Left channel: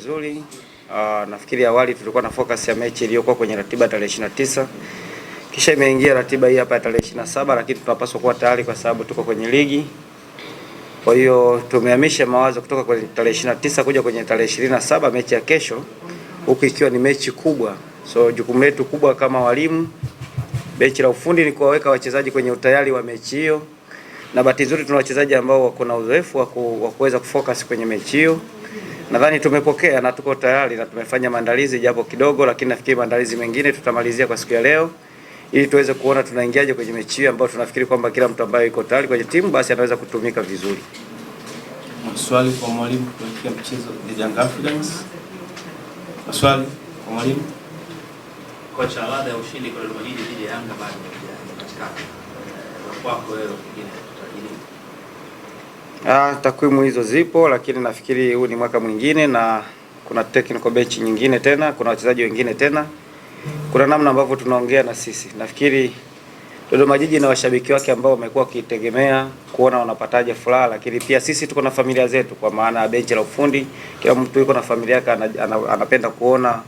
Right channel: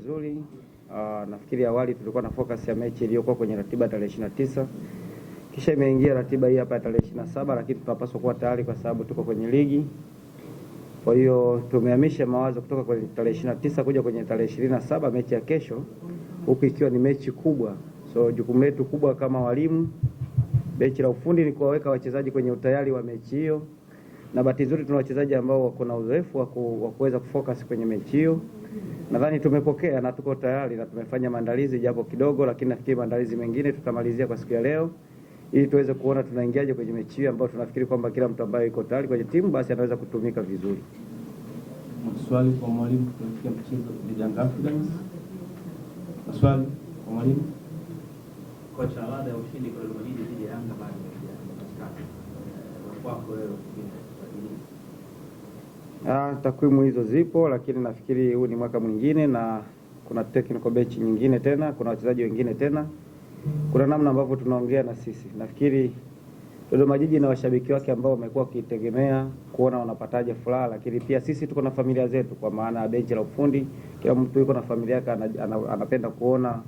vizuri. Nafikiri awali tulikuwa na focus ya mechi iliyokuwa kwenye ratiba tarehe 29. Kisha imeingia ratiba hii hapa ya tarehe 27, lakini tunapaswa kuwa tayari kwa sababu tuko kwenye ligi. Kwa hiyo tumehamisha mawazo kutoka kwenye tarehe 29 kuja kwenye tarehe 27, mechi ya kesho, huku ikiwa ni mechi kubwa. So jukumu letu kubwa kama walimu, benchi la ufundi, ni kuwaweka wachezaji kwenye utayari wa mechi hiyo. Na bahati nzuri tuna wachezaji ambao wako na uzoefu wa kuweza kufocus kwenye mechi hiyo. Nadhani tumepokea na tuko tayari na tumefanya maandalizi japo kidogo, lakini nafikiri maandalizi mengine tutamalizia kwa siku ya leo ili tuweze kuona tunaingiaje kwenye mechi hiyo ambayo tunafikiri kwamba kila mtu ambaye yuko tayari kwenye timu basi anaweza kutumika vizuri. Maswali kwa mwalimu kuelekea mchezo dhidi ya Young Africans. Maswali kwa mwalimu. Kocha, ladha ya ushindi kwa Dodoma Jiji dhidi ya Yanga bado haijapatikana. Kwako wewe pengine tutarajia. Takwimu hizo zipo, lakini nafikiri huu ni mwaka mwingine na kuna technical bench nyingine tena, kuna wachezaji wengine tena. Kuna namna ambavyo tunaongea na sisi. Nafikiri Dodoma Jiji na washabiki wake ambao wamekuwa wakitegemea kuona wanapataje furaha, lakini pia sisi tuko na familia zetu, kwa maana benchi la ufundi, kila mtu yuko na familia yake, anapenda kuona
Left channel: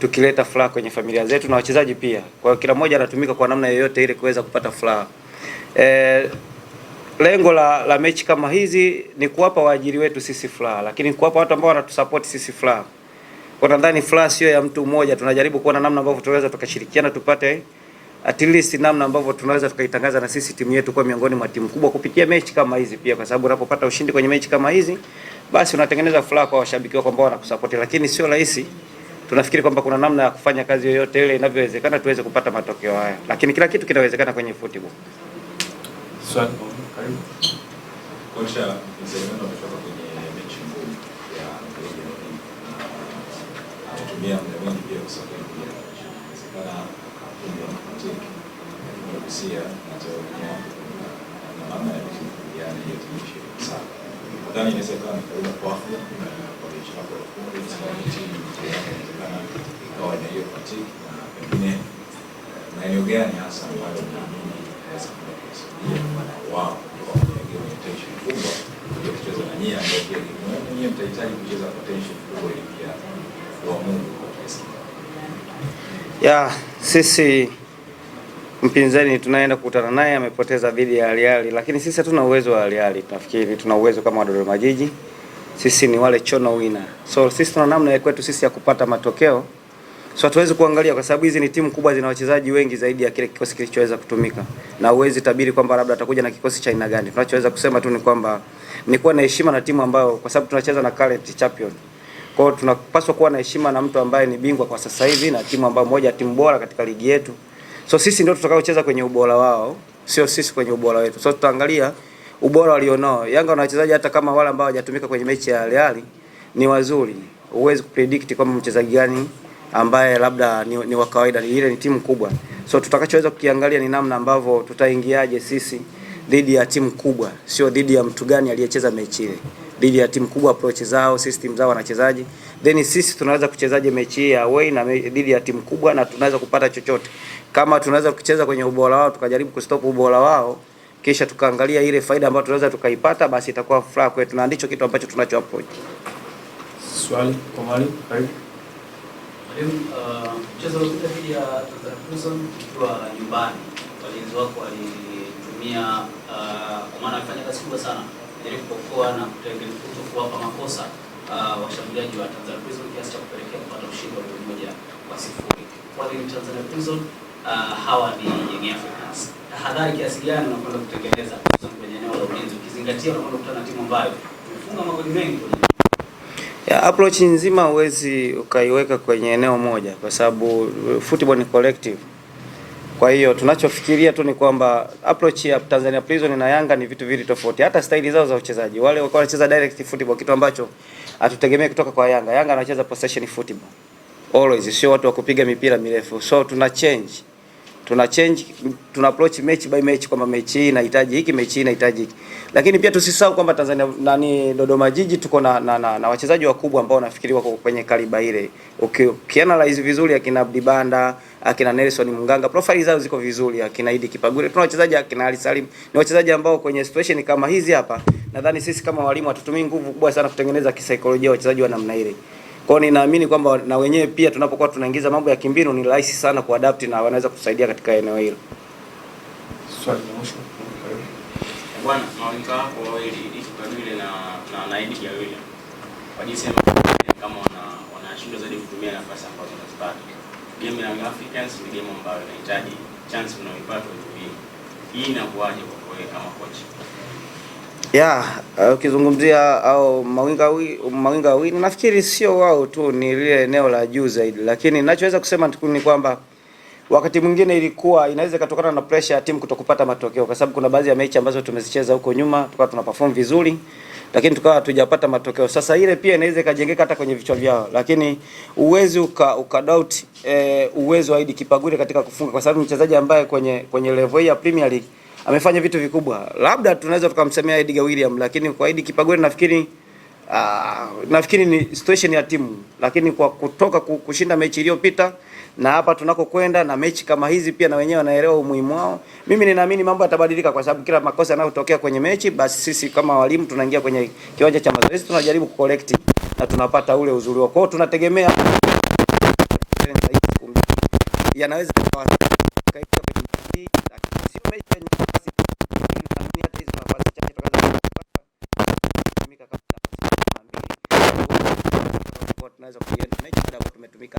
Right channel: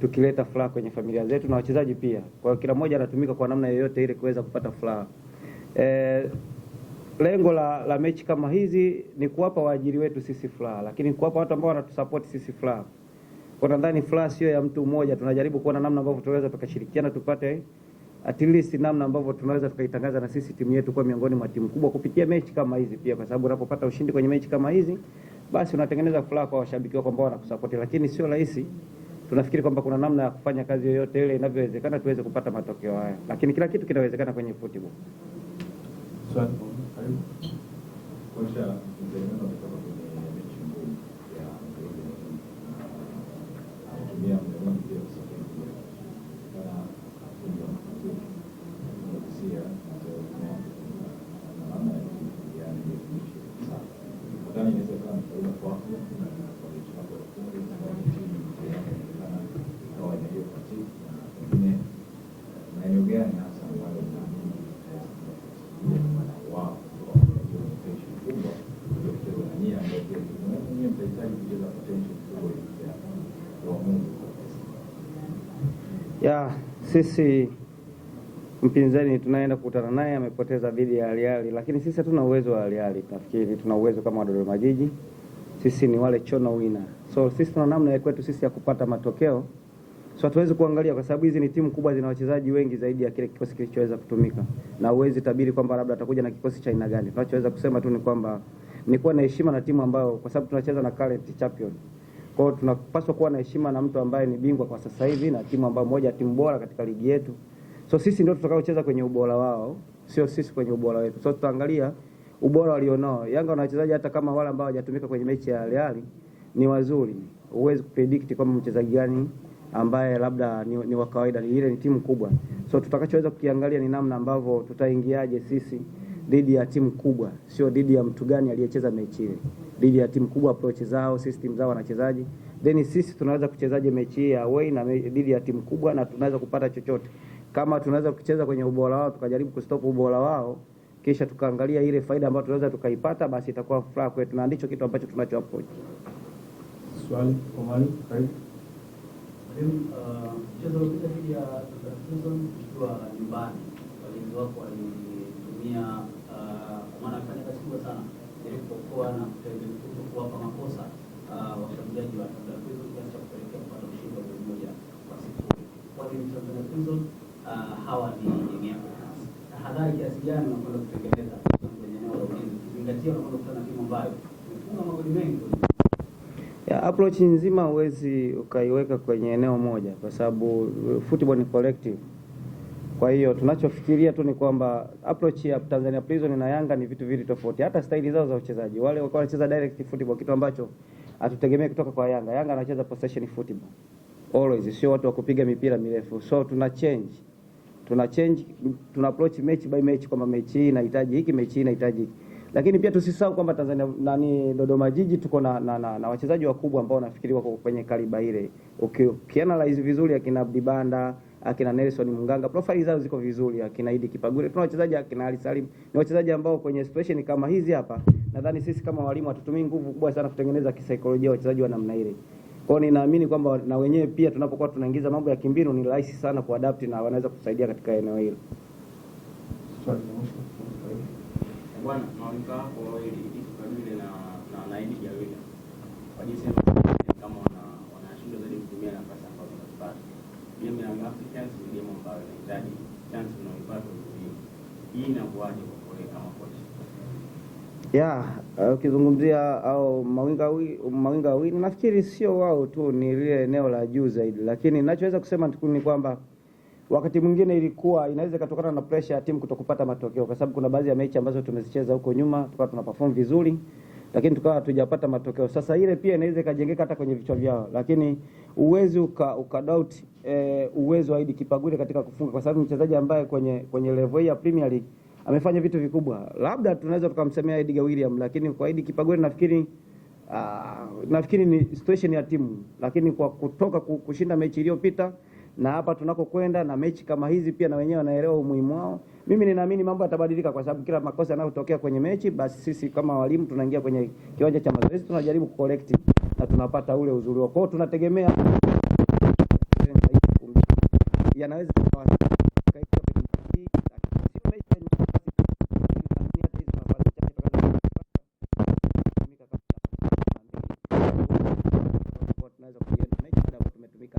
tukileta furaha kwenye familia zetu na wachezaji pia. Kwa hiyo kila mmoja anatumika kwa namna yoyote ili kuweza kupata furaha. Lengo la mechi kama hizi ni kuwapa waajiri wetu sisi furaha, lakini kuwapa watu ambao wanatusupport sisi furaha. Kwa nadhani furaha sio ya mtu mmoja, tunajaribu kuona namna ambavyo tunaweza tukashirikiana tupate at least namna ambavyo tunaweza tukaitangaza na sisi timu yetu kwa miongoni mwa timu kubwa kupitia mechi kama hizi pia, kwa sababu unapopata ushindi kwenye mechi kama hizi basi unatengeneza furaha kwa washabiki wako ambao wanakusupport, lakini sio rahisi. Tunafikiri kwamba kuna namna ya kufanya kazi yoyote ile inavyowezekana tuweze kupata matokeo haya, lakini kila kitu kinawezekana kwenye football. Swali karibu. Kocha, mzalendo ametoka kwenye mechi ngumu ya anatumia muda mwingi pia kusafiri kuja inawezekana akapunga mapumziko na kusia na maana ya kufikia hiyo timu sana. Nadhani inawezekana kaida kwa afya kwa mechi hapo kwa timu inawezekana ikawa na hiyo fatigue na pengine maeneo gani hasa ambayo mnaamini inaweza kusaidia wao potential kubwa ya kucheza na nyinyi ambao pia nyinyi mtahitaji kucheza potential kubwa ili pia wa Mungu kwa kiasi. Sisi mpinzani tunaenda kukutana naye amepoteza dhidi ya Al Ahly, lakini sisi hatuna uwezo wa Al Ahly. Tunafikiri tuna uwezo kama Dodoma Jiji. Sisi ni wale chono winner. So sisi tuna namna ya kwetu sisi ya kupata matokeo. So hatuwezi kuangalia kwa sababu hizi ni timu kubwa, zina wachezaji wengi zaidi ya kile kikosi kilichoweza kutumika. Na uwezi tabiri kwamba labda atakuja na kikosi cha aina gani. Tunachoweza kusema tu ni kwamba ni kuwa na heshima na timu ambayo, kwa sababu tunacheza na current champion. Kwa hiyo tunapaswa kuwa na heshima na mtu ambaye ni bingwa kwa sasa hivi na timu ambayo moja timu bora katika ligi yetu. So sisi ndio tutakaocheza kwenye ubora wao, sio sisi kwenye ubora wetu. So tutaangalia ubora walionao. Yanga na wachezaji hata kama wale ambao hawajatumika kwenye mechi ya Al Ahly ni wazuri. Huwezi kupredict kama mchezaji gani ambaye labda ni wa kawaida, ile ni timu kubwa. So tutakachoweza kukiangalia ni namna ambavyo tutaingiaje sisi dhidi ya timu kubwa, sio dhidi ya mtu gani aliyecheza mechi ile. Dhidi ya timu kubwa, approach zao, system zao, wanachezaji. Then sisi tunaweza kuchezaje mechi ya away na dhidi ya timu kubwa na tunaweza kupata chochote. Kama tunaweza kucheza kwenye ubora wao tukajaribu kustop ubora wao, kisha tukaangalia ile faida ambayo tunaweza tukaipata, basi itakuwa furaha kwetu na ndicho kitu ambacho tunacho approach. Swali kwa mwalimu karibu. Mchezo uliopita dhidi ya Tanzania Prison ukiwa nyumbani, walinzi wako walitumia kwa maana alifanya kazi kubwa sana ili kuokoa na kuwapa makosa washambuliaji wa Tanzania Prison kiasi cha kupelekea kupata ushindi wa 1-0. Walimu Tanzania Prison hawa ni Young Africans. Tahadhari kiasi gani unakwenda kutengeneza kwenye eneo la ulinzi ukizingatia unakwenda kukutana na timu ambayo imefunga magoli mengi kwenye approach nzima huwezi ukaiweka kwenye eneo moja kwa sababu football ni collective. Kwa hiyo tunachofikiria tu ni kwamba approach ya Tanzania Prison na Yanga ni vitu vili tofauti. Hata staili zao za uchezaji. Wale walikuwa wanacheza direct football, kitu ambacho hatutegemea kutoka kwa Yanga. Yanga anacheza possession football. Always sio watu wa kupiga mipira mirefu. So tuna tuna approach match by match kwamba mechi hii inahitaji hiki, mechi hii inahitaji hiki. Lakini pia tusisahau kwamba Tanzania Dodoma Jiji tuko na wachezaji wakubwa ambao nafikiri wako kwenye kaliba ile. Ukianalyze vizuri akina Abdi Banda, akina Nelson Munganga, profile zao ziko vizuri, akina Idi Kipagure, tuna wachezaji akina Ali Salim, ni wachezaji ambao kwenye situation kama hizi hapa, nadhani sisi kama walimu hatutumii nguvu kubwa sana kutengeneza kisaikolojia wachezaji wa namna ile. Kwa hiyo ninaamini kwamba na wenyewe pia tunapokuwa tunaingiza mambo ya kimbinu ni rahisi sana kuadapt na wanaweza kusaidia katika eneo hilo. Swali la mwisho. Bwana, mawinga wako wawili Kipagure na Idi Kipagure. Kwa jinsi kama wanashindwa zaidi kutumia nafasi ambazo wanazipata. Game ya Young Africans ni game ambayo inahitaji chance unayoipata utumie. Hii inakuaje kwa wewe kama coach? Ukizungumzia au mawinga wawili nafikiri sio wao tu, ni lile eneo la juu zaidi, lakini ninachoweza kusema ni kwamba wakati mwingine ilikuwa inaweza kutokana na pressure ya timu kutokupata matokeo, kwa sababu kuna baadhi ya mechi ambazo tumezicheza huko nyuma tukawa tuna perform vizuri lakini tukawa hatujapata matokeo. Sasa ile pia inaweza ikajengeka hata kwenye vichwa vyao, lakini uwezi doubt uwezo wa Idi Kipagure katika kufunga, kwa sababu mchezaji ambaye kwenye level ya Premier League amefanya vitu vikubwa. Labda tunaweza tukamsemea Edgar William, lakini kwa Idi Kipagure nafikiri ni situation ya timu, lakini kwa kutoka kushinda mechi iliyopita na hapa tunakokwenda na mechi kama hizi pia na wenyewe wanaelewa umuhimu wao. Mimi ninaamini mambo yatabadilika, kwa sababu kila makosa yanayotokea kwenye mechi, basi sisi kama walimu tunaingia kwenye kiwanja cha mazoezi, tunajaribu kucorrect na tunapata ule uzuri wao. Kwa hiyo tunategemea yanaweza tunaweza kuienda mechi ndio tumetumika.